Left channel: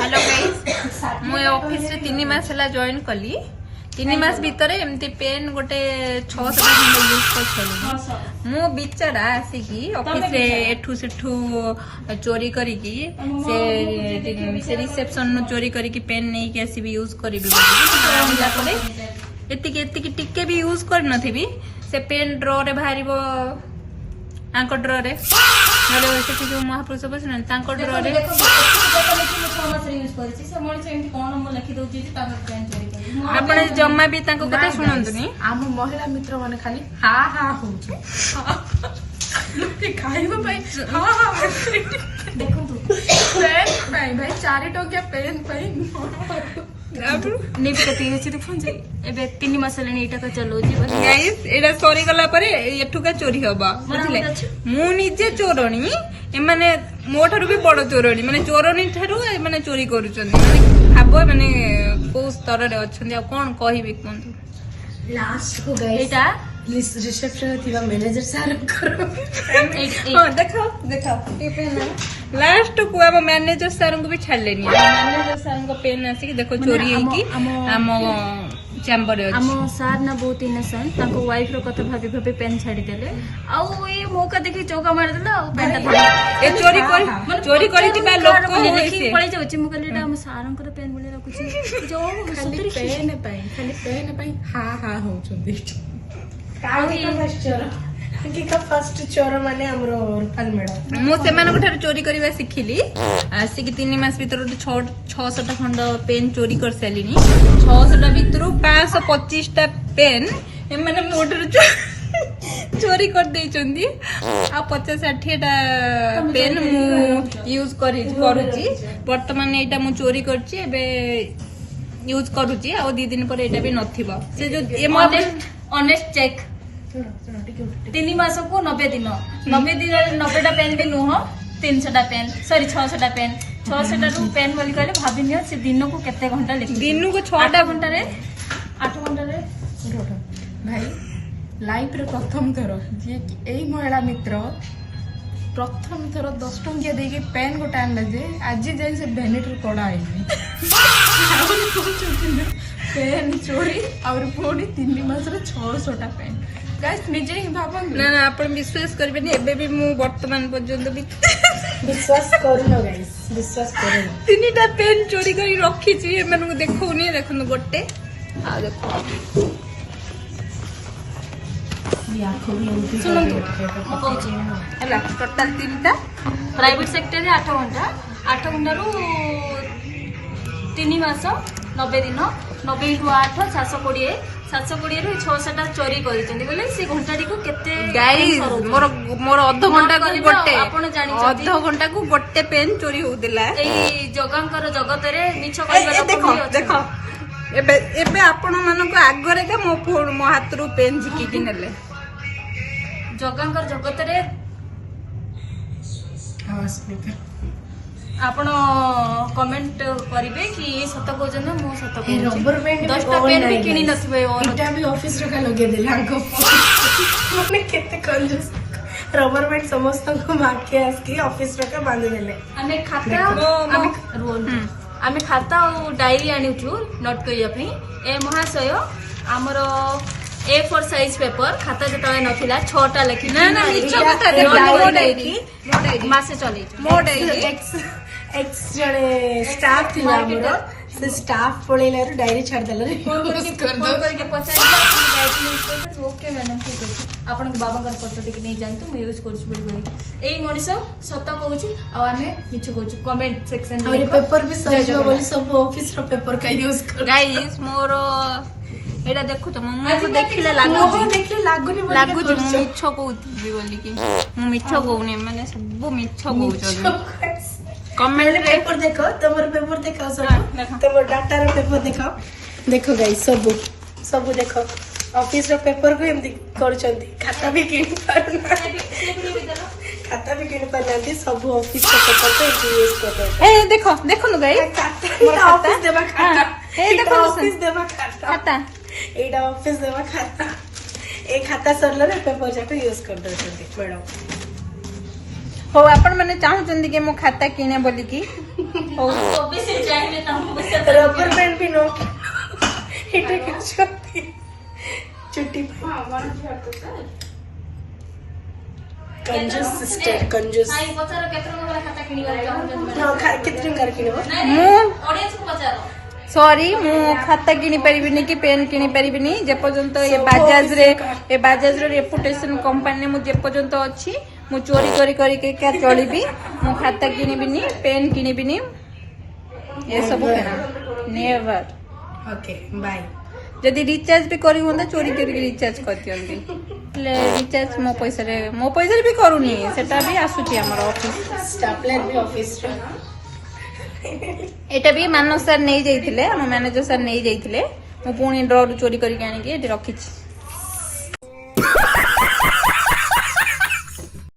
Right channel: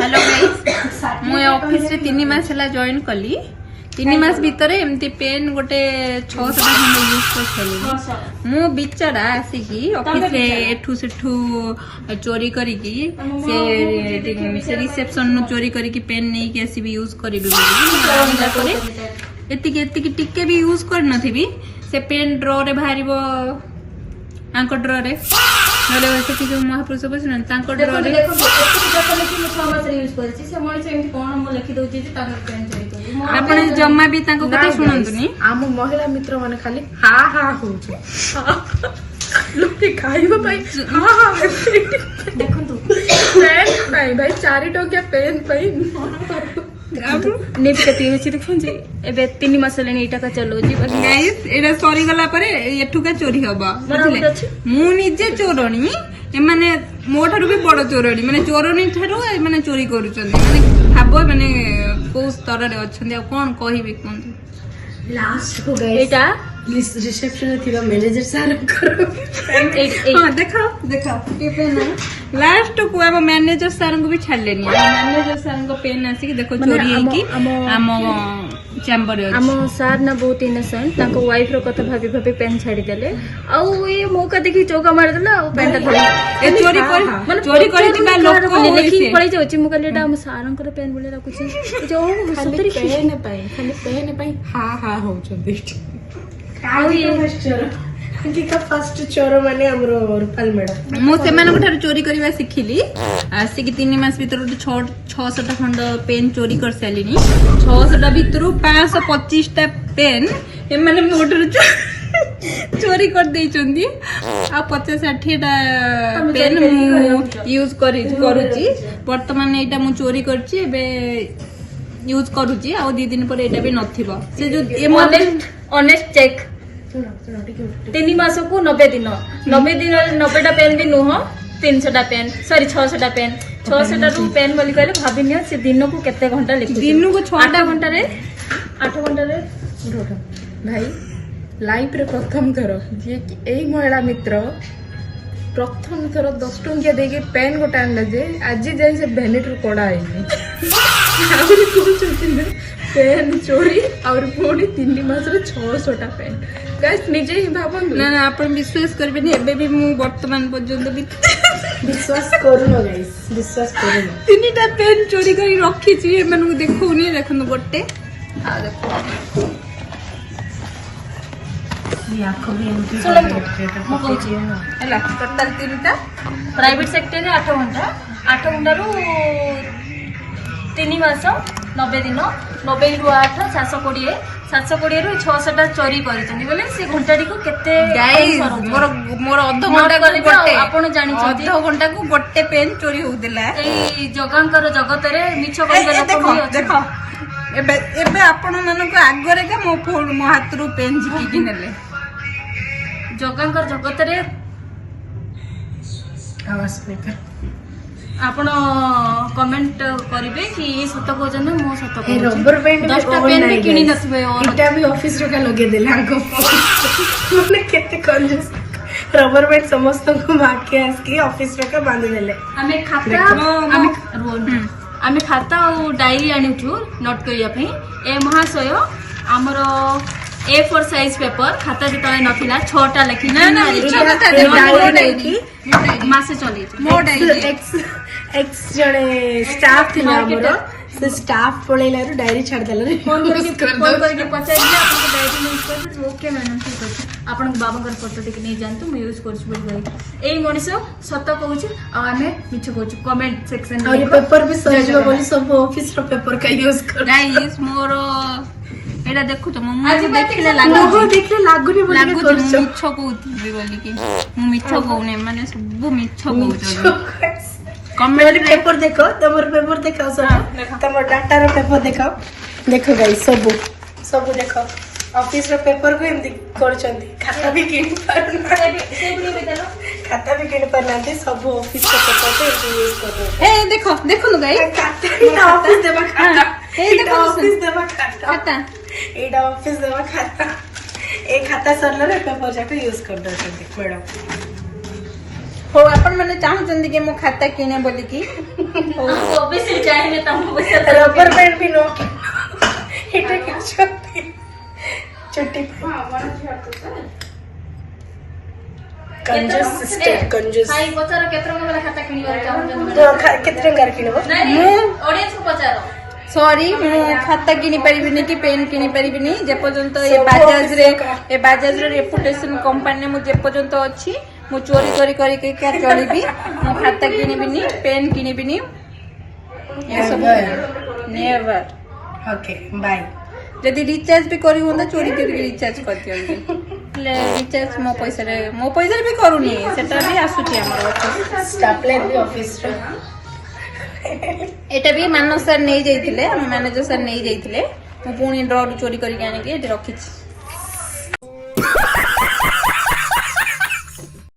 hello मुझे office से 3 मास है जॉइन कली 3 मास भीतर एमती पेन गोटे 600 यूज कर मु बिचारा आसिकी ऑफिस से एठू सेठू चोरी करिकी से रिसेप्शन नु चोरी करिकी पेन नहीं के आसी भी यूज करिबी एतिकी एतिकी टिके भी यूज कर नथिबी से पेन ड्रॉ रे बाहरिबो आंको ड्रॉ रे मतलब ऐसे जो महापुरुष बसन तांको ड्रॉ रे देखो देखो मास यूज करछि से मଣିଷ एमती कोन हम लिखि दउछि जे ताको पेन चोरी करि आपण जम्मा भी तांको कथा सुनंतुनी आम महिला मित्र माने खाली हा हा होचे लोके खाइबा पाई हा हा देखंतु पेन पाई भाई 4 टोके पेन पाई नेट कति होछि तो फोन जे एबे 3 मास लेनी एटा का चलोजी बस गाइस एडा सॉरी गला परे एठुका चोरी हबा बुझले मु निजे चोरणी एमाने मोठारु भी बड़ चोरणी माने चोरणी थारु माने चोरी करूछन खाबो माने को स्तर रे अछन कोन कहिबी कोन लास्ट को गए एटा रिसेप्शन में थिबा मैनेजर सर हां देखाओ लास्ट को अब मैनेजर सर को भी छाड़लेनी मैनेजर सर को पेन आसी देखो चोरी की हम चैम्बर हम सार ना बहुत इनोसेंट ताको वाइफ रो कथा भाभी भाभी पेन छाड़ी देले आ ये मौका देखि चौका मार देला आ पेन ता ए चोरी करी ना लोक को देखि पळै जाउची मु कहले एटा हम सारंकर पेन बोले रखुची जो खाली पेन पाई हा हा होचे फर्स्ट चोर माने हमरो रूपाल मेडा मु सेमान ठार चोरी करबा सिखिली आसिक 3 मास भीतर 600 खंड पेन चोरी कर सालिनी 600 भीतर 525 टा पेन एमाने मोटर चोरी कर देइचंदी आ 50-60 टा पेन यूज करूची वर्तमान एटा मु चोरी करची एबे यूज करूची आ 2 दिन पर एटा भी नथिबो जे जो ऑनेस्ट चेक 3 मास को 90 दिन 90 टा पेन भी नुह 300 टा पेन सॉरी 600 टा पेन 600 टा पेन बोली कहले भाबी नियो से दिन को केते घंटा लिखि दिन को 6 घंटा रे 8 घंटा रे भाई लाइफ रे प्रथम थर जे एई महिला मित्र प्रथम थर 10 टंकिया देके पेन गोटा आनला जे आज जाय से भेनेटर कोडा आइनी आउरी कोन पेन चोरी और पूरी 3 मास रे 600 टा पेन गाइस निजे ही भाबन ना ना आपण विश्वास करबेनी एबे भी मु वर्तमान पर्यंत भी विश्वास करू न गाइस विश्वास करू न 3टा पेन चोरी करी रखी थी एमनु देखौनी देखनु गोटे आ देखो या खोली हला टोटल 3टा प्राइवेट सेक्टर रे 8 घंटा रो 3 मास 90 दिन 90 रु 8 720 ରୁ 600 ଟା ଚୋରି କରିଛନ୍ତି ବୋଲେ ସେ ଘଣ୍ଟାଟି କୁ କେତେ ମୋର ଅଧ ଘଣ୍ଟା ଗୋଟେ ଆପଣ ଜାଣିଛନ୍ତି ଅଧ ଘଣ୍ଟା କୁ ଗୋଟେ ପେନ୍ ଚୋରି होउदिला ଏଇ ଜଗାଙ୍କର ଜଗତରେ ମିଛ କହିବା ଦେଖ ଦେଖ ଏବେ ଆପଣ ମାନଙ୍କୁ ଆଗରେ କା ମୋ ହାତରୁ ପେନ୍ ଝିକିକି ନେଲେ ଜଗାଙ୍କର ଜଗତରେ ଆପଣ କମେଣ୍ଟ କରିବେ କି ସତ କହୁଛନ୍ତି ମୁଁ ସତ କହୁଛି ରबर पेन 10ଟା पेन ବି କିଣି ନଥିବେ ଏଟା ବି ଅଫିସ ରେ ଲଗେଇ ଦେଲା ଆଗ ମାନେ କେତେ କଲ ରबर पेन ସମସ୍ତଙ୍କୁ ମାକେ ଆକି ଅଫିସ ରେ ବାନ୍ଧି ଦେଲେ ଆମେ ଖାତା ଆଉ ଡାଇରୀ ଆଣିଛୁ ନୋଟ କରିବା ପାଇଁ ଏ ମହାଶୟ ଆମର A4 ସାଇଜ ପେପର ଖାତା ଯେତେବେଳେ ନଥିଲା 6ଟା ଲେଖି ମାସେ ଚଲେଇଛି ମୋ ଡାଇରୀ ଏକ୍ସ ଜଣେ ଷ୍ଟାଫ ଥିଲା ଆମର ସେ ଷ୍ଟାଫ ପଳେଇଲାରୁ ଡାଇରୀ ଛାଡିଦେଲା ଓକେ ମ୍ୟାଡାମ ଠିକ ଅଛି ଆପଣଙ୍କ ବାବାଙ୍କର ଫଟୋ ଟିକେ ନେଇ ଯାଆନ୍ତୁ ମୁଁ ୟୁଜ କରୁଛି ବୋଲି ଏଇ ମଣିଷ ସତ କହୁଛି ଆଉ ଆମେ ମିଛ କହୁଛୁ କମେଣ୍ଟ ସେକ୍ସନ ପେପର ବି ସରିଯିବ ବୋଲି ସବୁ ଅଫିସ ର ପେପର କାଇ ୟୁଜ କର ଗାଇସ୍ ମୋର एडा देखु तो मु देखिले लाଗୁनी मिछ कहउथि बोली कि मु मिछ कहउने माने सब मिछ कहउछ कमेंट पेपर देखो तमर पेपर देखाओ तमर डाटा रो पेपर देखाओ देखो गाइस सब देखो ऑफिस रो पेपर को एमदी करछंती खाता भी किन पारनांती सब ऑफिस रो पेपर को एमदी यूज कर ए देखो न गाइस खाता ऑफिस देबा खाता एटा ऑफिस देबा खाता एटा ऑफिस देबा खाता ए खाता सरले पेपर जाके यूज कर दो मैडम ହଉ ଆପଣ ମାନେ ଚାହୁଁଛନ୍ତି କି ମୋ ଖାତା କିଣେ ବୋଲିକି ହଉ ଅବଶ୍ୟ ଚାହିଁଲେ ତମକୁ ପଇସା ରବର ବ୍ୟାଣ୍ଡ ବି नो ଏଇଟା କିଛି ଚୁଟି कंजूस ଭାଇ ପଚାର କେତେ ଟଙ୍କା ବାଲା ଖାତା କିଣିବାକୁ ଚାହୁଁଛନ୍ତି तो କେତେ ଟଙ୍କାର କିଣିବ ମୁଁ ଅଡିଏନ୍ସକୁ ପଚାର ସରି ମୁଁ ଖାତା କିଣି ପାରିବିନି କି ପେନ୍ କିଣି ପାରିବିନି ଯେପର୍ଯ୍ୟନ୍ତ ଏ ବାଜାଜର ରେପୁଟେସନ କମ୍ପାନୀ ମୁଁ ଯେପର୍ଯ୍ୟନ୍ତ ଅଛି ମୁଁ ଚୋରି ଚୋରି କରିକି ଚଳିବି ମୁଁ ଖାତା କିଣିବିନି ପେନ୍ କିଣିବିନି ଏସବୁ ନେଭର ओके बाय ଯଦି ରିଚାର୍ଜ ବି କରି ହୁଅନ୍ତା ଚୋରି କରିକି ରିଚାର୍ଜ କରିଦିଅନ୍ତି ହେଲେ ରିଚାର୍ଜ ମୋ ପଇସାରେ ବି କରୁନି ସେଟା ବି ଆସୁଛି ଆମର ଅଫିସ स्टापलेट भी ऑफिस रे ଏଇଟା ବି ମାନସ ସାର୍ ନେଇଯାଇଥିଲେ ଆମେ ମ୍ୟାନେଜର ସାର୍ ନେଇଯାଇଥିଲେ ମୁଁ ପୁଣି ଡ୍ରରୁ ଚୋରି କରିକି ଆଣିକି ଏଠି ରଖିଛି